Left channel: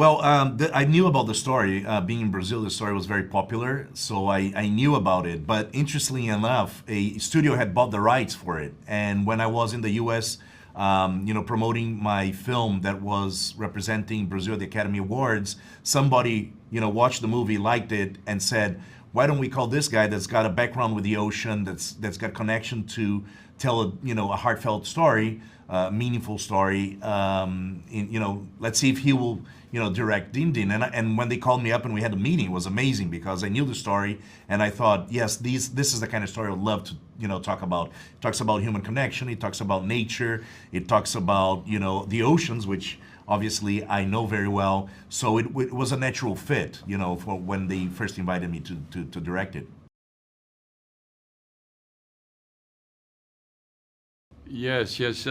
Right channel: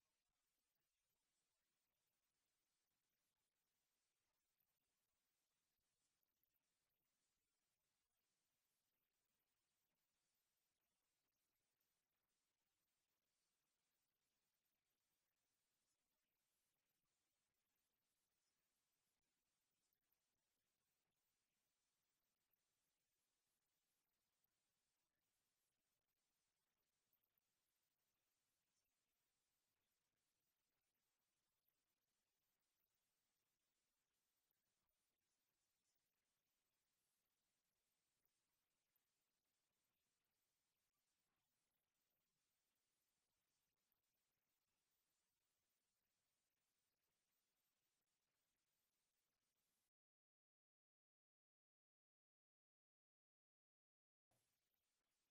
Well, I knew about the story. Being in Brazil, the story was very popular, so I knew about it. But interestingly enough, a studio had bought the rights for it. And when I was in the U.S., promoting my film that was representing Brazil at the Academy Awards, somebody, watched the movie, liked it, and said, "Why don't we call this guy that's got a background with the ocean, that's got connection to tell a heartfelt story, meaningful story. Let's see if he will." Direct Din Din. And when they called me up and we had a meeting, it was amazing because I knew the story and I thought, yes, this is the kind of story I would love to, talk about. It talks about human connection, it talks about nature, it talks about, the oceans, which obviously I know very well. So it was a natural fit, for when they first invited me to direct it. Yes, yes.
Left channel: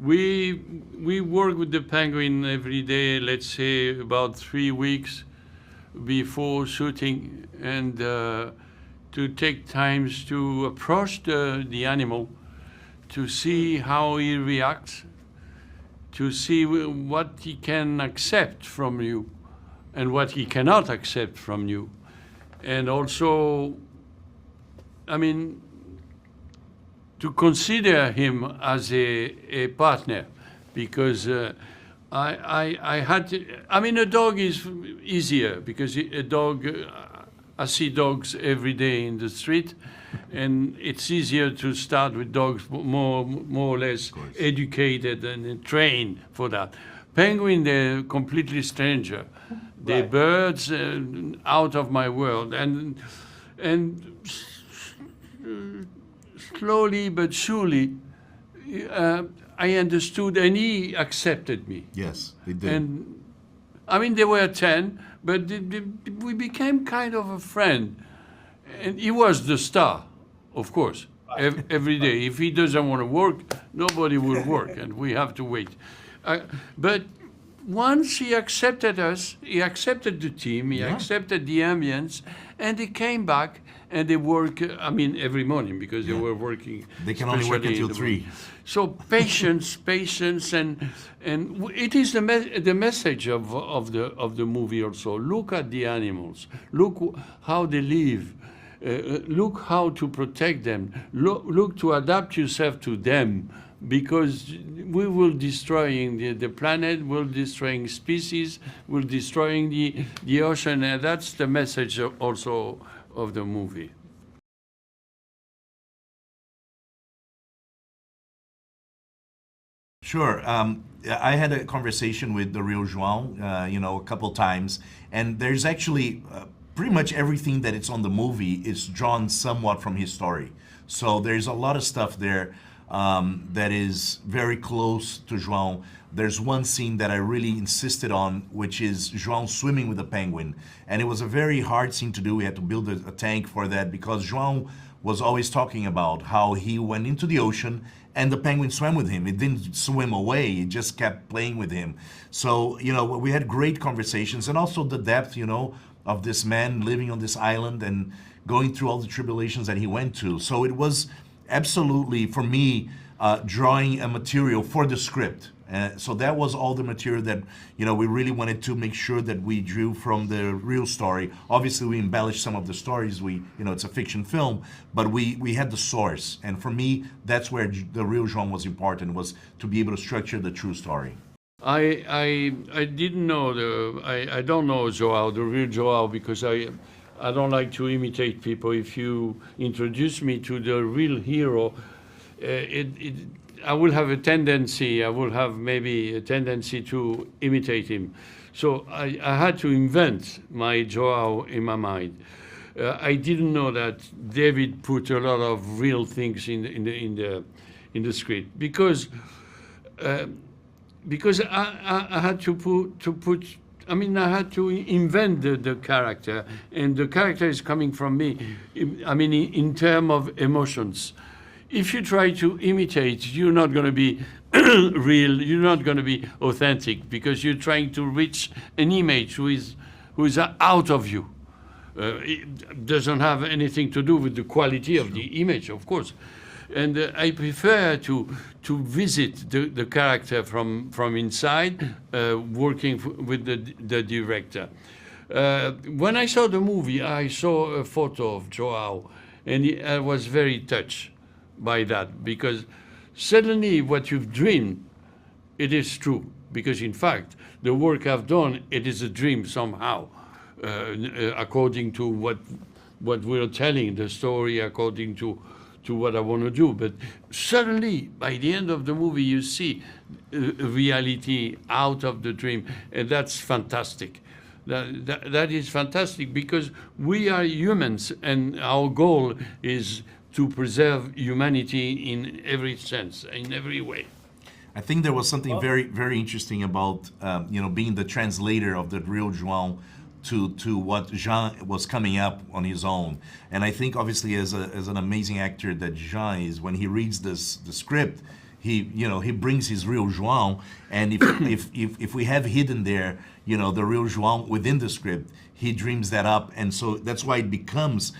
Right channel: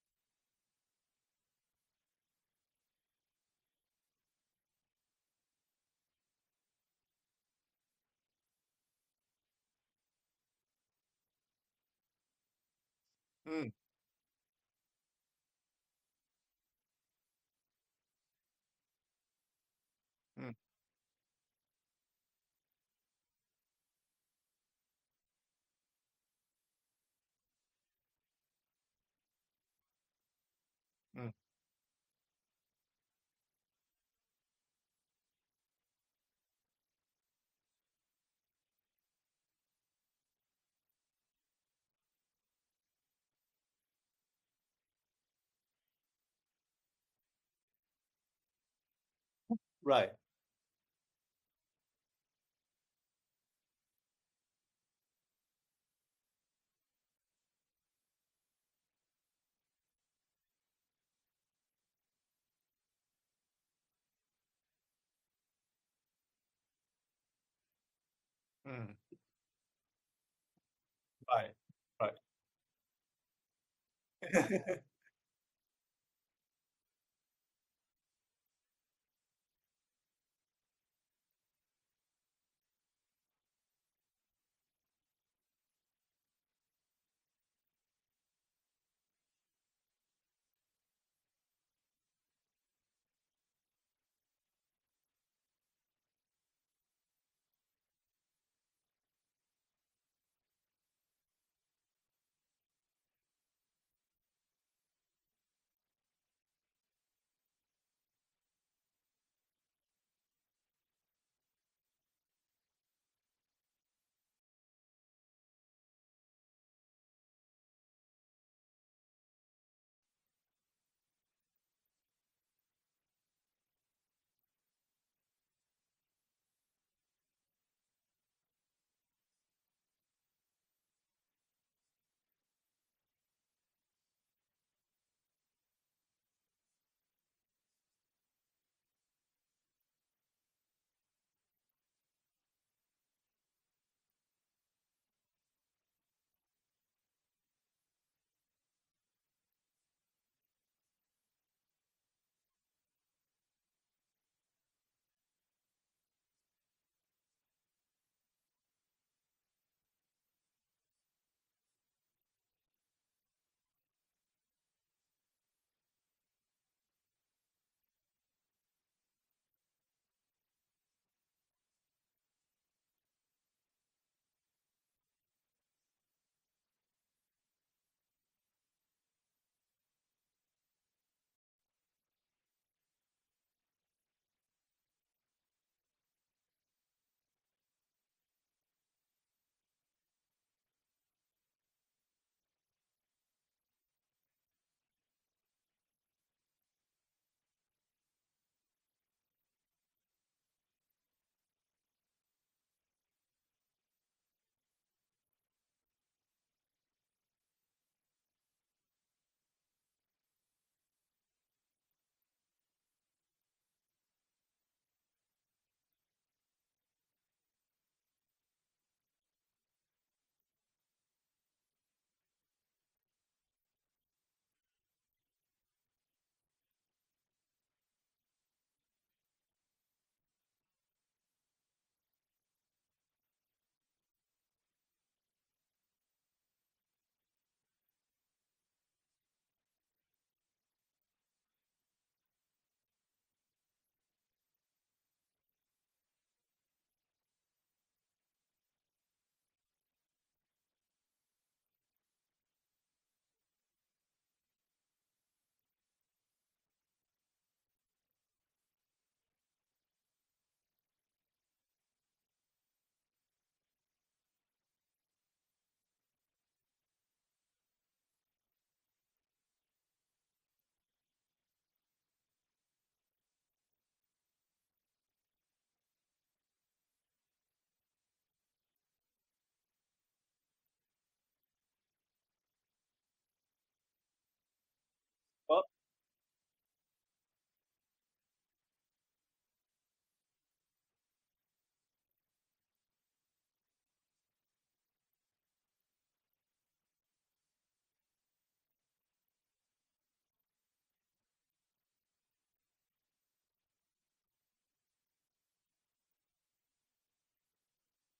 We work with the penguin every day, let's say about 3 weeks before shooting, and to take times to approach the animal, to see how he reacts, to see what he can accept from you and what he cannot accept from you. And also, to consider him as a partner, because I had to, a dog is easier because a dog, I see dogs every day in the street, and it's easier to start with dogs more or less educated and trained for that. Penguin, they're completely stranger. They're birds out of my world, and slowly but surely, I understood, and he accepted me. Yes, he did. And they were 10, but we became kind of a friend. And he was the star, of course, every day. If he doesn't want to work, nobody will work, and we have to wait. But once he accepted us, he accepted the team, he accepted the ambience, and he came back. And they work, every morning because they were working. They can only work until 3. So patience, and it is the message of the movie also. Look at the animals. Look how they live. Look how to protect them. Look to adapt yourself to them, because we will destroying the planet, we're destroying species, we're destroying the ocean, and that's the message also of the movie. Sure. I had a conversation with the real João, a couple times, and there's actually pretty much everything that it's on the movie is drawn somewhat from his story. So there's a lot of stuff there that is very close to João. There's one scene that I really insisted on, which is João swimming with a penguin. And it was a very hard scene to do. We had to build a tank for that because João was always talking about how he went into the ocean and the penguin swam with him. It didn't swim away, it just kept playing with him. So, we had great conversations, and also the depth, of this man living on this island and going through all the tribulations that he went to. So it was absolutely, for me, drawing a material for the script. So that was all the material that, we really wanted to make sure that we drew from the real story. Obviously, we embellished some of the stories. It's a fiction film, but we had the source. And for me, that's where the real João was important, was to be able to structure the true story. I didn't know I don't know João, the real João, because I don't like to imitate people. If you introduce me to the real hero, I will have maybe a tendency to imitate him. So I had to invent my João in my mind. I didn't know that David put a lot of real things in the script, because I had to put. I had to invent the character, and the character is coming from me. In terms of emotions. If you try to imitate, you're not going to be real, you're not going to be authentic, because you're trying to reach an image who is out of you. It doesn't have anything to do with the quality of the image, of course. And I prefer to visit the character from inside, working with the director. When I saw the movie, I saw a photo of Joao, and I was very touched by that, because suddenly what you've dreamed, it is true. Because in fact, the work I've done, it is a dream somehow, according to what we're telling, the story, according to what I want to do. But suddenly, by the end of the movie, you see reality out of the dream, and that's fantastic. That is fantastic, because we are humans, and our goal is to preserve humanity in every sense, in every way. I think there was something very, very interesting about being the translator of the real João to what Jean was coming up on his own. And I think obviously as an amazing actor that Jean is, when he reads the script, he brings his real João. And if we have hidden there, the real João within the script, he dreams that up, and so that's why it becomes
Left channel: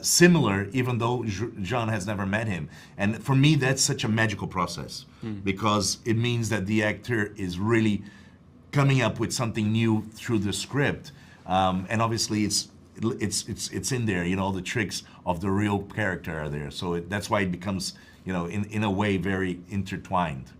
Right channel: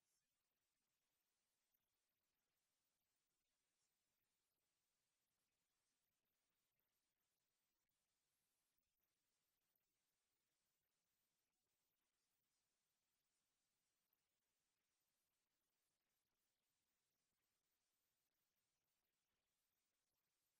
similar, even though Jean has never met him. And for me, that's such a magical process, because it means that the actor is really coming up with something new through the script, and obviously it's in there. The tricks of the real character are there, so that's why it becomes in a way very intertwined.